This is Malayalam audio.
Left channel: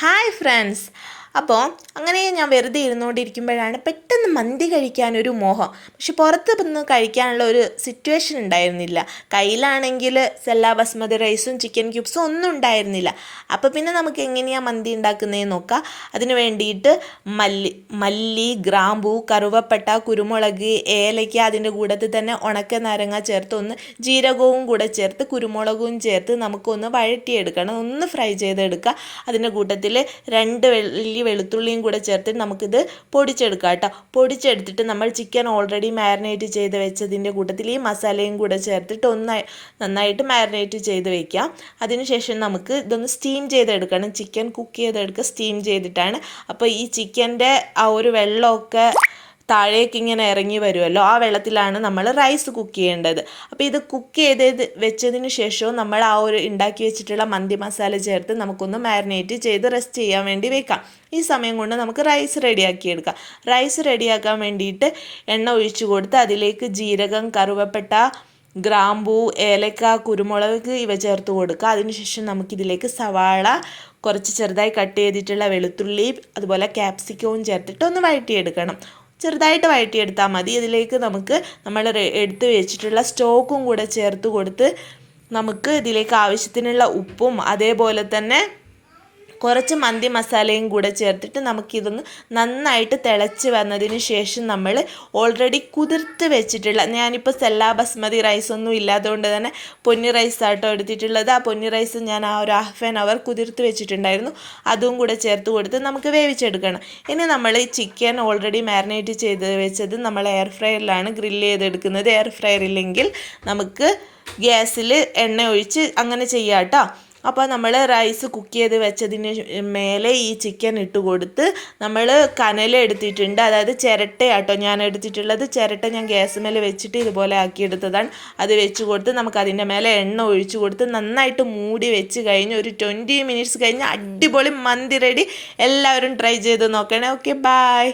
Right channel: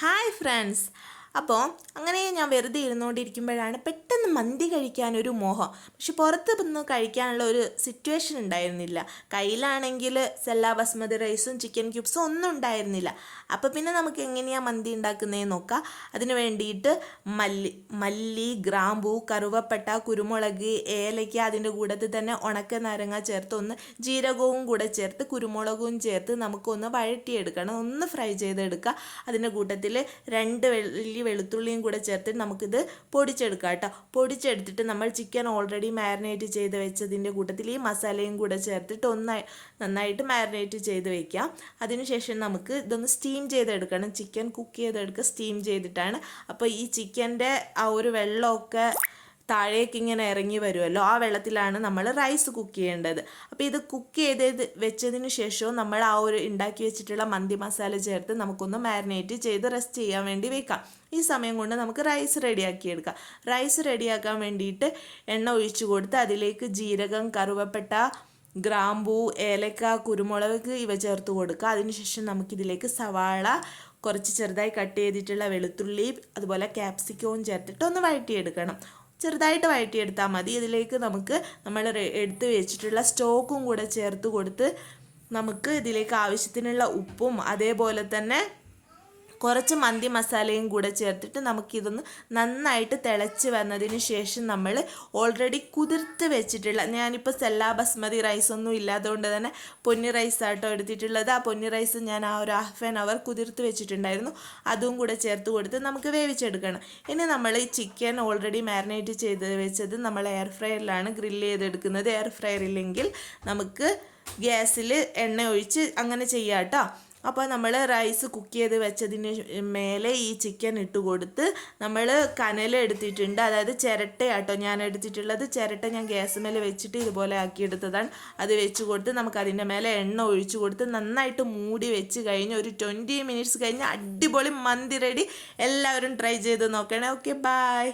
Hi friends! അപ്പോൾ അങ്ങനെ ഞാൻ വെറുതെ ഇരുന്നുകൊണ്ടിരിക്കുമ്പോഴാണ് പെട്ടെന്ന് മന്തി കഴിക്കാനൊരു മോഹം. പക്ഷെ പുറത്ത് നിന്ന് കഴിക്കാനുള്ള ഒരു സിറ്റുവേഷൻ ഉണ്ടായിരുന്നില്ല. കയ്യിലാണെങ്കിൽ സെല്ലാ ബസ്മതി റൈസും ചിക്കൻ ക്യൂബ്സും ഒന്നും ഉണ്ടായിരുന്നില്ല. അപ്പോൾ പിന്നെ നമുക്ക് എങ്ങനെയാണ് മന്തി ഉണ്ടാക്കുന്നതെന്ന് നോക്കാം. അതിന് വേണ്ടിയിട്ട് മല്ലി മല്ലി ഗ്രാമ്പൂ കറുവപ്പട്ട കുരുമുളക് ഏലയ്ക്ക അതിന്റെ കൂടത്തിൽ തന്നെ ഉണക്ക നാരങ്ങ ചേർത്ത് ഒന്ന് ജീരകവും കൂടെ ചേർത്ത് കുരുമുളകും ചേർത്ത് നമുക്കൊന്ന് വഴറ്റിയെടുക്കണം. ഒന്ന് ഫ്രൈ ചെയ്തെടുക്കുക. അതിന്റെ കൂട്ടത്തിൽ രണ്ട് വലിയ വെളുത്തുള്ളിയും കൂടെ ചേർത്തിട്ട് നമുക്കിത് പൊടിച്ചെടുക്കാം കേട്ടോ. പൊടിച്ചെടുത്തിട്ട് നമ്മൾ ചിക്കൻ ഓൾറെഡി മാരിനേറ്റ് ചെയ്ത് വെച്ചതിന്റെ കൂട്ടത്തിൽ ഈ മസാലയും കൂടെ ചേർത്തിട്ട് ഒന്ന് നന്നായിട്ട് മാരിനേറ്റ് ചെയ്ത് വെക്കാം. അതിനുശേഷം നമുക്ക് ഇതൊന്ന് സ്റ്റീം ചെയ്തെടുക്കണം. ചിക്കൻ കുക്ക് ചെയ്തെടുക്കുക സ്റ്റീം ചെയ്തിട്ടാണ്. അപ്പോൾ ഈ ചിക്കന്റെ ആ ഒരു വെള്ളമൊക്കെ താഴേക്ക് ഇങ്ങനെ ഇറങ്ങി വരുമല്ലോ ആ വെള്ളത്തിലാണ് നമ്മൾ റൈസ് കുക്ക് ചെയ്യേണ്ടത്. അപ്പോൾ ഇത് കുക്ക് ചെയ്ത് വെച്ചതിന് ശേഷവും നമ്മൾ ആ ഒരു ഉണ്ടാക്കി വെച്ചിട്ടുള്ള മന്തി മസാല ചേർത്ത് നമുക്കൊന്ന് മാരിനേറ്റ് ചെയ്ത് റെസ്റ്റ് ചെയ്യാൻ വേണ്ടി വെക്കാം. ഈ സമയം കൊണ്ട് നമുക്ക് റൈസ് റെഡിയാക്കി എടുക്കാം. റൈസ് റെഡിയാക്കാൻ വേണ്ടിയിട്ട് എണ്ണ ഒഴിച്ചു കൊടുത്ത് അതിലേക്ക് ജീരകം കറുവപ്പെട്ട ഗ്രാമ്പൂ ഏലക്ക കുരുമുളക് ഇവ ചേർത്ത് കൊടുക്കുക. അതിനുശേഷം നമുക്കിതിലേക്ക് സവാള കുറച്ച് ചെറുതായി കട്ട് ചെയ്തിട്ടുള്ള വെളുത്തുള്ളി അതുപോലെ ക്യാപ്സിക്കവും ചേർത്തിട്ട് ഒന്ന് വഴറ്റിയെടുക്കണം. ചെറുതായിട്ട് വഴറ്റിയെടുത്താൽ മതി. ഇതിലേക്ക് നമുക്ക് നമ്മൾ എടുത്ത് വെച്ചിട്ടുള്ള സ്റ്റോക്കും കൂടെ ചേർത്ത് കൊടുത്ത് നമുക്ക് ഇതിലേക്ക് ആവശ്യത്തിനുള്ള ഉപ്പും അതേപോലെ തന്നെ കുറച്ച് മന്തി മസാലയും കൂടെ ചേർത്തിട്ട് നമുക്കിതൊന്ന് നന്നായിട്ട് തിളച്ച് വന്നതിന് ശേഷം നമ്മൾ ഓൾറെഡി കുതിർത്ത് വെച്ചിട്ടുള്ള ഞാനിപ്പോൾ സെല്ലാ ബസ്മതി റൈസ് ഒന്നും ഇല്ലാത്തതുകൊണ്ട് തന്നെ പൊന്നി റൈസ് ആട്ടോ എടുത്തിട്ടുള്ളത്. ആ പൊന്നി റൈസ് ഞാൻ ആ ഒരു ഹാഫ് ആൻ അവർ കുതിർത്ത് വെച്ചിട്ടുണ്ടായിരുന്നു. അതും കൂടെ ചേർത്ത് കൊടുത്ത് നമുക്ക് വേവിച്ചെടുക്കണം. ഇനി നമ്മൾ ചിക്കൻ ഓൾറെഡി മാരിനേറ്റ് ചെയ്ത് വെച്ചത് നമ്മൾ എയർ ഫ്രയറിലാണ് ഗ്രില്ല് ചെയ്തെടുക്കുന്നത്. എയർ ഫ്രയർ ഇല്ലെങ്കിൽ നമുക്ക് ഗ്യാസിൽ എണ്ണ ഒഴിച്ച് അങ്ങനെ ചെയ്യാം കേട്ടോ അപ്പോൾ നമ്മൾ റൈസ് കുക്ക് ചെയ്ത് വെച്ചതിന് മേലെ ഈ ചിക്കൻ ഇട്ട് കൊടുത്ത് നമ്മൾ കനൽ എടുത്തിട്ടുണ്ട്. അതായത് ചിരട്ടയാട്ടോ ഞാൻ എടുത്തിട്ടുള്ളത്. ചിരട്ട ഞാൻ ഗ്യാസ് മേലെ വെച്ചിട്ട് ഇതുപോലെ ആക്കിയെടുത്തതാണ്. അത് വെച്ച് കൊടുത്ത് നമുക്ക് അതിന്റെ മേലെ എണ്ണ ഒഴിച്ച് കൊടുത്ത് നന്നായിട്ട് മൂടി വെച്ച് കഴിഞ്ഞ് ഒരു ട്വന്റി മിനിറ്റ്സ് കഴിഞ്ഞ് അടിപൊളി മന്തി റെഡി എല്ലാവരും ട്രൈ ചെയ്ത് നോക്കണേ. Okay bye